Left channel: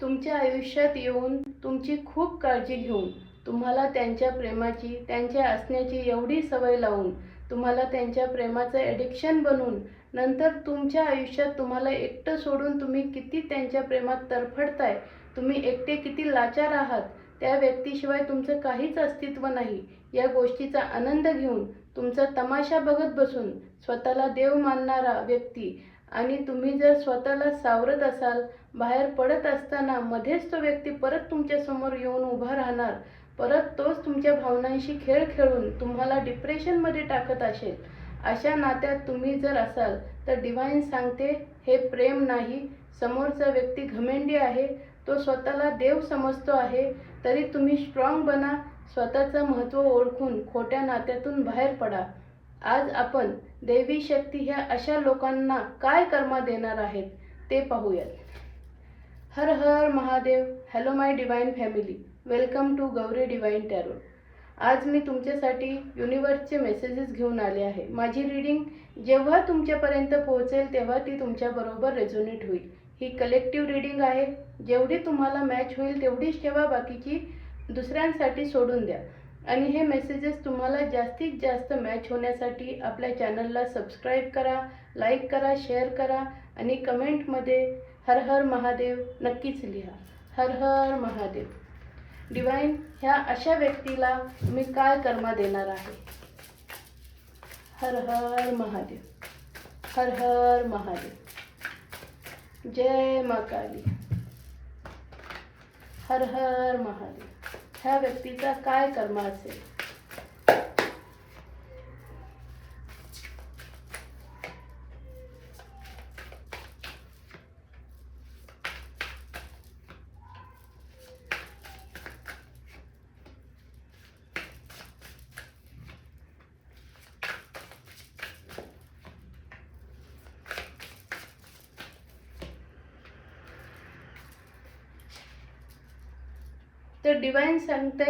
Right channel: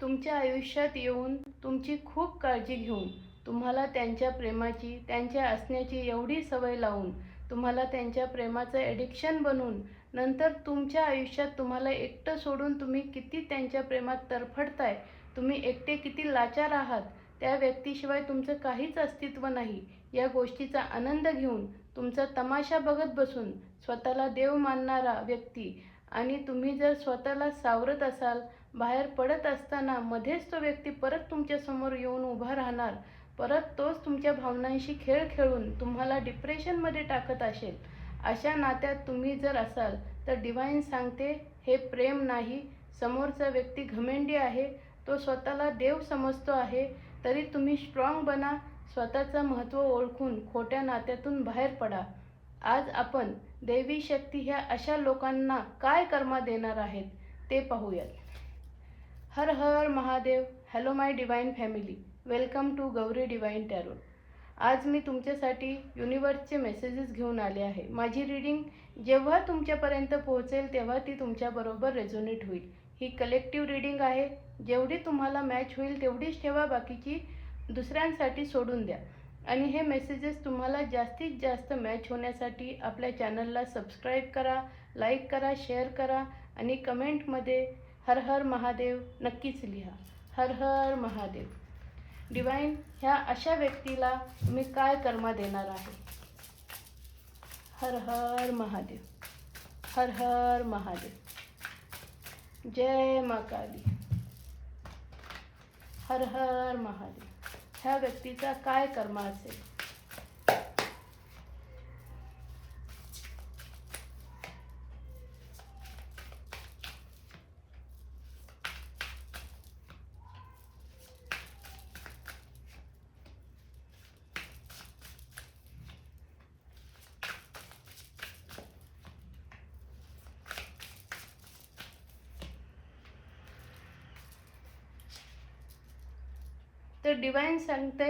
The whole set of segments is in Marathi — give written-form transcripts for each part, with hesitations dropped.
तुमच्या आयुष्यात येऊन तुमची खूप काळजी घेऊन तुम्हाला त्यांच्या प्रेमाची, त्यांच्या असण्याची एवढी सवय लावून, तुम्हाला त्यांच्या प्रेमाचं ॲडिक्शन बनवून, नंतर तुमच्या आयुष्यात तुम्हाला एकटं सोडून तुम्ही किती त्यांच्या प्रेमात तरफडताय, तुम्ही एकटे किती लाचार आहात, त्या व्यक्तीशिवाय तुमचं काहीच अस्तित्व नाही, या गोष्टीचा आनंद घेऊन तुमचा तमाशा बघत बसून स्वतःला देव मानणारा व्यक्ती आणि तुम्ही जर स्वतःला सावरत असाल, बाहेर पडत असताना मध्येच तो व्यक्ती परत तुमच्या समोर येऊन उभा राहणार, परत तोच तुमच्या भावनांशी खेळ खेळून तुम्हाला डिप्रेशनमध्ये टाकत असेल, अशा नात्यात तुम्ही जर असाल तर डिव्हाइन सांगते हे प्रेम नाही. समोरचा व्यक्ती घमेंडी आहे, तो स्वतःला देव समजतो आहे. तरी तुम्ही स्ट्रॉंग बना, स्वतःचं महत्त्व ओळखून खोट्या नात्यातून बाहेर पडा. आज आपण दैवी शक्ती ह्या अशा लोकांना काय कर्मा देणार आहेत ते पाहूयात. हर हर Mahadev. Hello my divine family, welcome to Gauri divine tarot. आज मी तुमच्यासाठी युनिवर्सचे मेसेजेस घेऊन आले आहे. माझी रीडिंग जेव्हा तुमच्यापर्यंत पोहोचेल तेव्हा ती तुमच्याबरोबर रेझोनेट होईल. ही कलेक्टिव्ह रीडिंग आहे. जेवढी तुम्हाला मॅच होईल तेवढीच ठेवा, बाकीची दुसऱ्यांसाठी सोडून द्या. आणि हे मेसेजेस तुम्हाला जास्तीत जास्त मॅच होण्यासाठी आपल्या चॅनलला सबस्क्राईब करा, लाईक करा, शेअर करा आणि कमेंटमध्ये हर हर महादेव नक्कीच लिहा. हर हर महादेव. डिवाइन ह्या अशा व्यक्तीला तुम्ही काय कर्मा देणार आहे? हर हर महादेव. हर हर महादेव. जय मां काली. हर हर महादेव. ह्या व्यक्तीचा काय कर्मा असेल? तर डिवाइन सांगते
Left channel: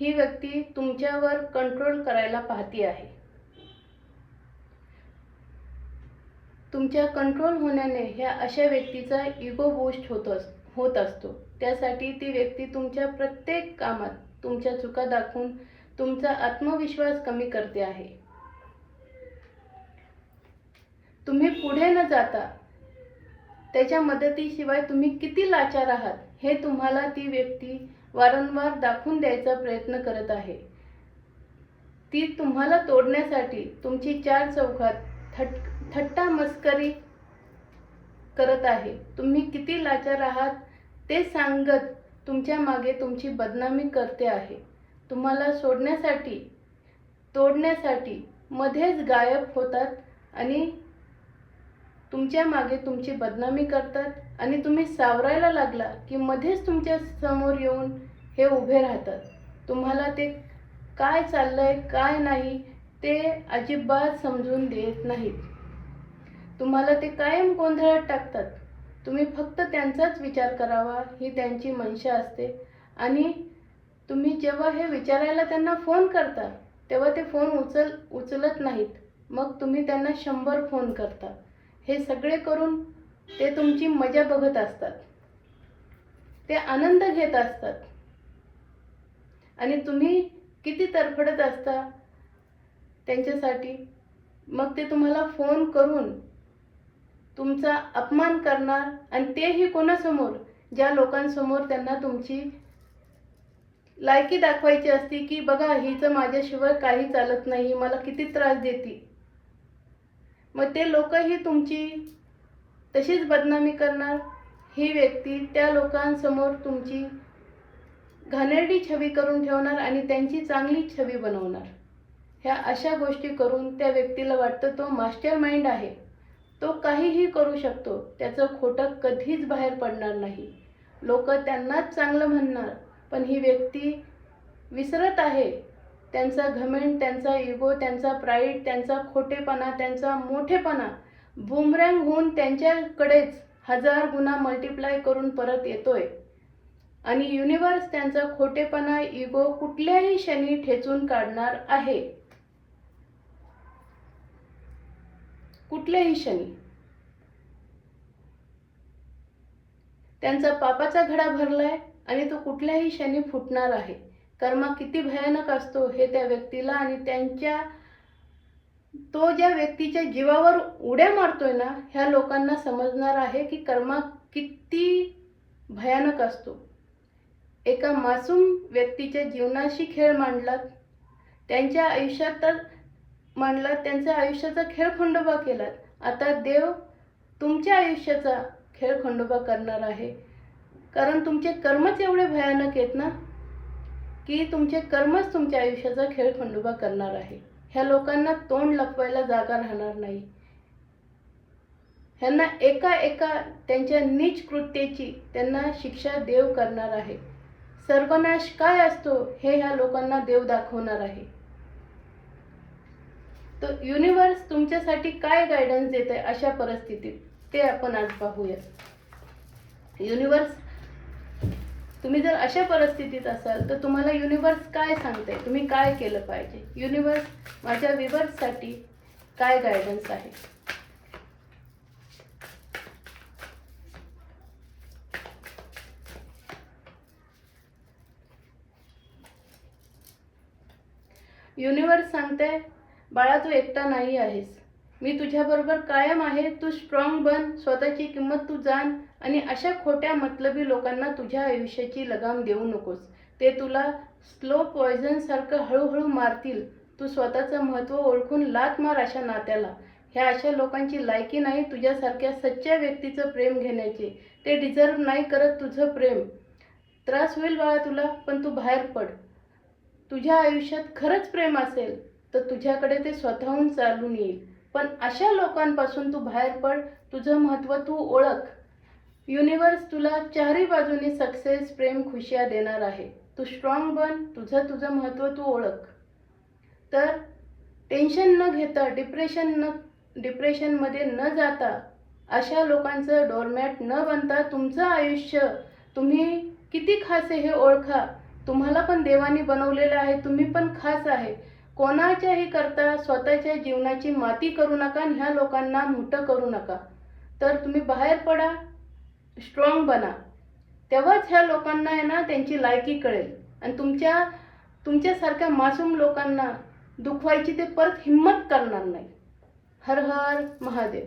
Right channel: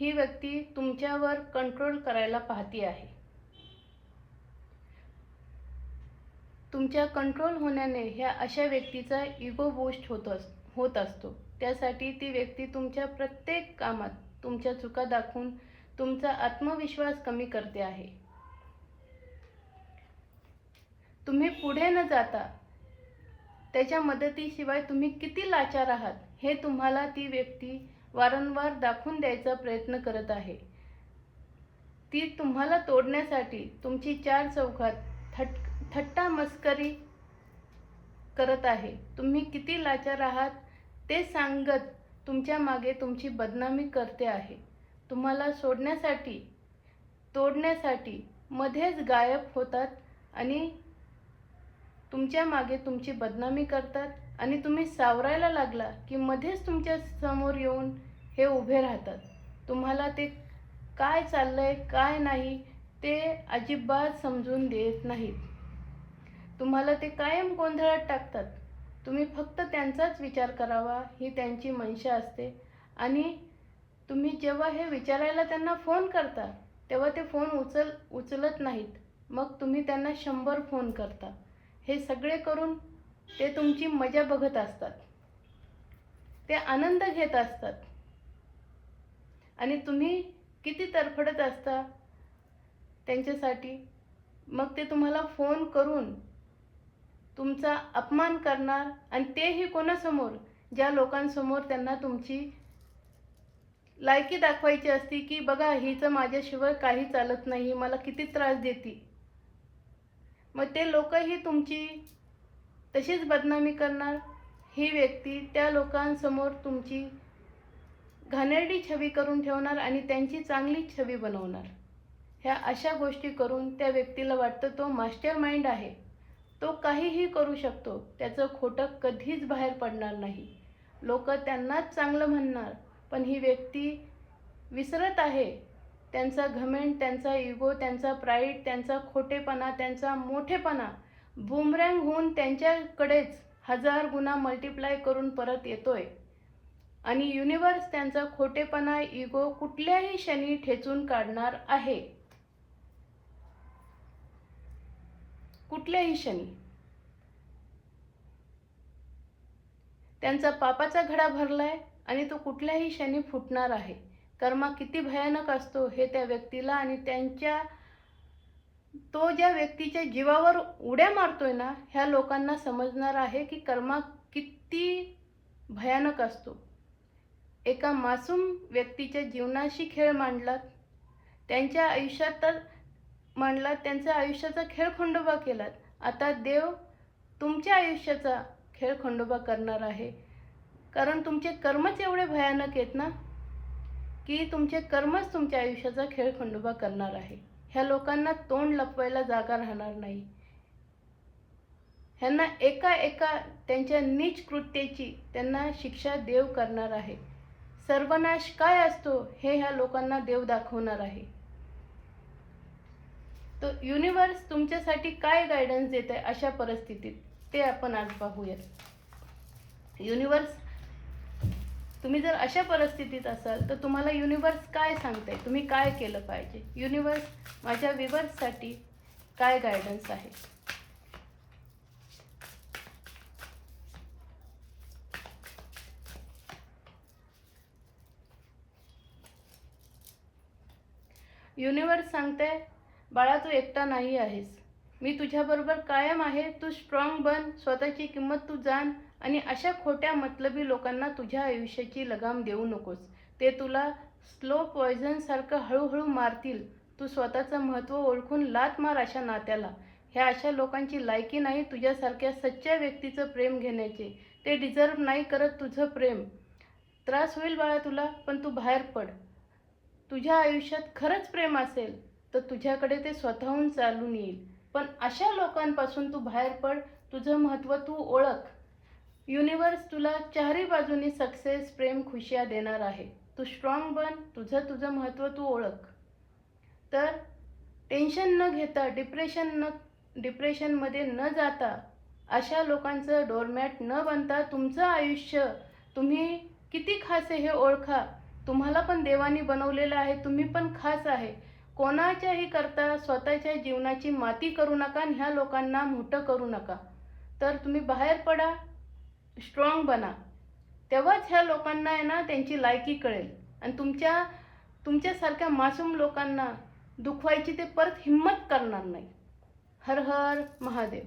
ही व्यक्ती तुमच्यावर कंट्रोल करायला पाहती आहे. तुमच्या कंट्रोल होण्याने ह्या अशा व्यक्तीचा इगो बूस्ट होत असतो. त्यासाठी ती व्यक्ती तुमच्या प्रत्येक कामात तुमच्या चुका दाखवून तुमचा आत्मविश्वास कमी करते आहे. तुम्ही पुढे न जाता त्याच्या मदतीशिवाय तुम्ही किती लाचार आहात हे तुम्हाला ती व्यक्ती वारंवार दाखवून द्यायचा प्रयत्न करत आहे. ती तुम्हाला तोडण्यासाठी तुमची चार चौघात थट्टा मस्करी करत आहे. तुम्ही किती लाचार आहात ते सांगत तुमच्या मागे तुमची बदनामी करते आहे. तुम्हाला सोडण्यासाठी, तोडण्यासाठी मध्येच गायब होतात आणि तुमच्या मागे तुमची बदनामी करतात आणि तुम्ही सावरायला लागला की मध्येच तुमच्या समोर येऊन हे उभे राहतात. तुम्हाला ते काय चाललंय काय नाही ते अजिबात समजून देत नाहीत. तुम्हाला ते कायम गोंधळात टाकतात. तुम्ही फक्त त्यांचाच विचार करावा ही त्यांची मनशा असते. आणि तुम्ही जेव्हा हे विचारायला त्यांना फोन करता तेव्हा ते फोन उचलत नाहीत. मग तुम्ही त्यांना 100 फोन करता. हे सगळे करून ते तुमची मजा बघत असतात, ते आनंद घेत असतात आणि तुम्ही किती तरफडत असता त्यांच्यासाठी. मग ते तुम्हाला फोन करून तुमचा अपमान करणार आणि तेही कोणासमोर? ज्या लोकांसमोर त्यांना तुमची लायकी दाखवायची असती की बघा हिचं माझ्याशिवाय काही चालत नाही, मला किती त्रास देते. मग ते लोकही तुमची तशीच बदनामी करणार. ही व्यक्ती त्या लोकांसमोर तुमची घाणेरडी छवी करून ठेवणार आणि त्यांची चांगली छवी बनवणार. ह्या अशा गोष्टी करून त्या व्यक्तीला वाटतं तो मास्टर माइंड आहे, तो काहीही करू शकतो, त्याचं खोटं कधीच बाहेर पडणार नाही. लोक त्यांनाच चांगलं म्हणणार. पण ही व्यक्ती विसरत आहे त्यांचा घमेंड, त्यांचा इगो, त्यांचा प्राईड, त्यांचा खोटेपणा, त्यांचा मोठेपणा बूमरँग होऊन त्यांच्याकडेच 1000 गुणा मल्टिप्लाय करून परत येतोय. आणि युनिवर्स त्यांचा खोटेपणा, इगो कुठल्याही क्षणी ठेचून काढणार आहे. कुठल्याही क्षणी. त्यांचा पापाचा घडा भरलाय आणि तो कुठल्याही क्षणी फुटणार आहे. कर्म किती भयानक असतो हे त्या व्यक्तीला आणि तो ज्या व्यक्तीच्या जीवावर उड्या मारतोय ना, ह्या लोकांना समजणार आहे की कर्म किती भयानक असतो. एका मासूम व्यक्तीच्या जीवनाशी खेळ मांडलात, त्यांच्या त्यांच्या आयुष्याचा खेळखंडोबा केलात. आता देव तुमच्या आयुष्याचा खेळखंडोबा करणार आहे, कारण तुमचे कर्मच एवढे भयानक आहेत ना, की तुमचे कर्मच तुमच्या आयुष्याचा खेळखंडोबा करणार आहे. ह्या लोकांना तोंड लपवायला जागा राहणार नाही. ह्यांना एका त्यांच्या नीच कृत्याची त्यांना शिक्षा देव करणार आहे. सर्वनाश काय असतो हे ह्या लोकांना देव दाखवणार आहे. तो युनिवर्स तुमच्यासाठी काय गायडन्स देत आहे अशा परिस्थितीत, ते आपण आज पाहूया. युनिवर्स, तुम्ही जर अशा परिस्थितीत असाल तर तुम्हाला युनिवर्स काय सांगते, तुम्ही काय केलं पाहिजे. युनिवर्स, माझ्या व्ह्यूअर्ससाठी काय गायडन्स आहे. युनिवर्स सांगते, बाळा तू एकटा नाही आहेस. मी तुझ्याबरोबर कायम आहे. तू स्ट्रॉंग बन, स्वतःची किंमत तू जाण आणि अशा खोट्या मतलबी लोकांना तुझ्या आयुष्याची लगाम देऊ नकोस. ते तुला स्लो पॉयझन सारखं हळूहळू मारतील. तू स्वतःचं महत्त्व ओळखून लात मार अशा नात्याला. ह्या अशा लोकांची लायकी नाही तुझ्यासारख्या सच्च्या व्यक्तीचं प्रेम घेण्याची. ते डिझर्व नाही करत तुझं प्रेम. त्रास होईल बाळा तुला, पण तू बाहेर पड. तुझ्या आयुष्यात खरंच प्रेम असेल तर तुझ्याकडे ते स्वतःहून चालून येईल. पण अशा लोकांपासून तू बाहेर पड. तुझं महत्त्व तू ओळख. युनिवर्स तुला चारही बाजूनी सक्सेस, प्रेम, खुशिया देणार आहे. तू स्ट्रॉंग बन. तुझं महत्त्व तू ओळख. तर टेन्शन न घेता, डिप्रेशनमध्ये न जाता, अशा लोकांचं डोरमॅट न बनता तुमचं आयुष्य तुम्ही किती खास आहे हे ओळखा. तुम्हाला पण देवाने बनवलेलं आहे. तुम्ही पण खास आहे. कोणाच्याही करता स्वतःच्या जीवनाची माती करू नका आणि ह्या लोकांना मोठं करू नका. तर तुम्ही बाहेर पडा, स्ट्रॉंग बना. तेव्हाच ह्या लोकांना आहे ना त्यांची लायकी कळेल आणि तुमच्यासारख्या मासूम लोकांना दुखवायची ते परत हिम्मत करणार नाही. हर हर महादेव.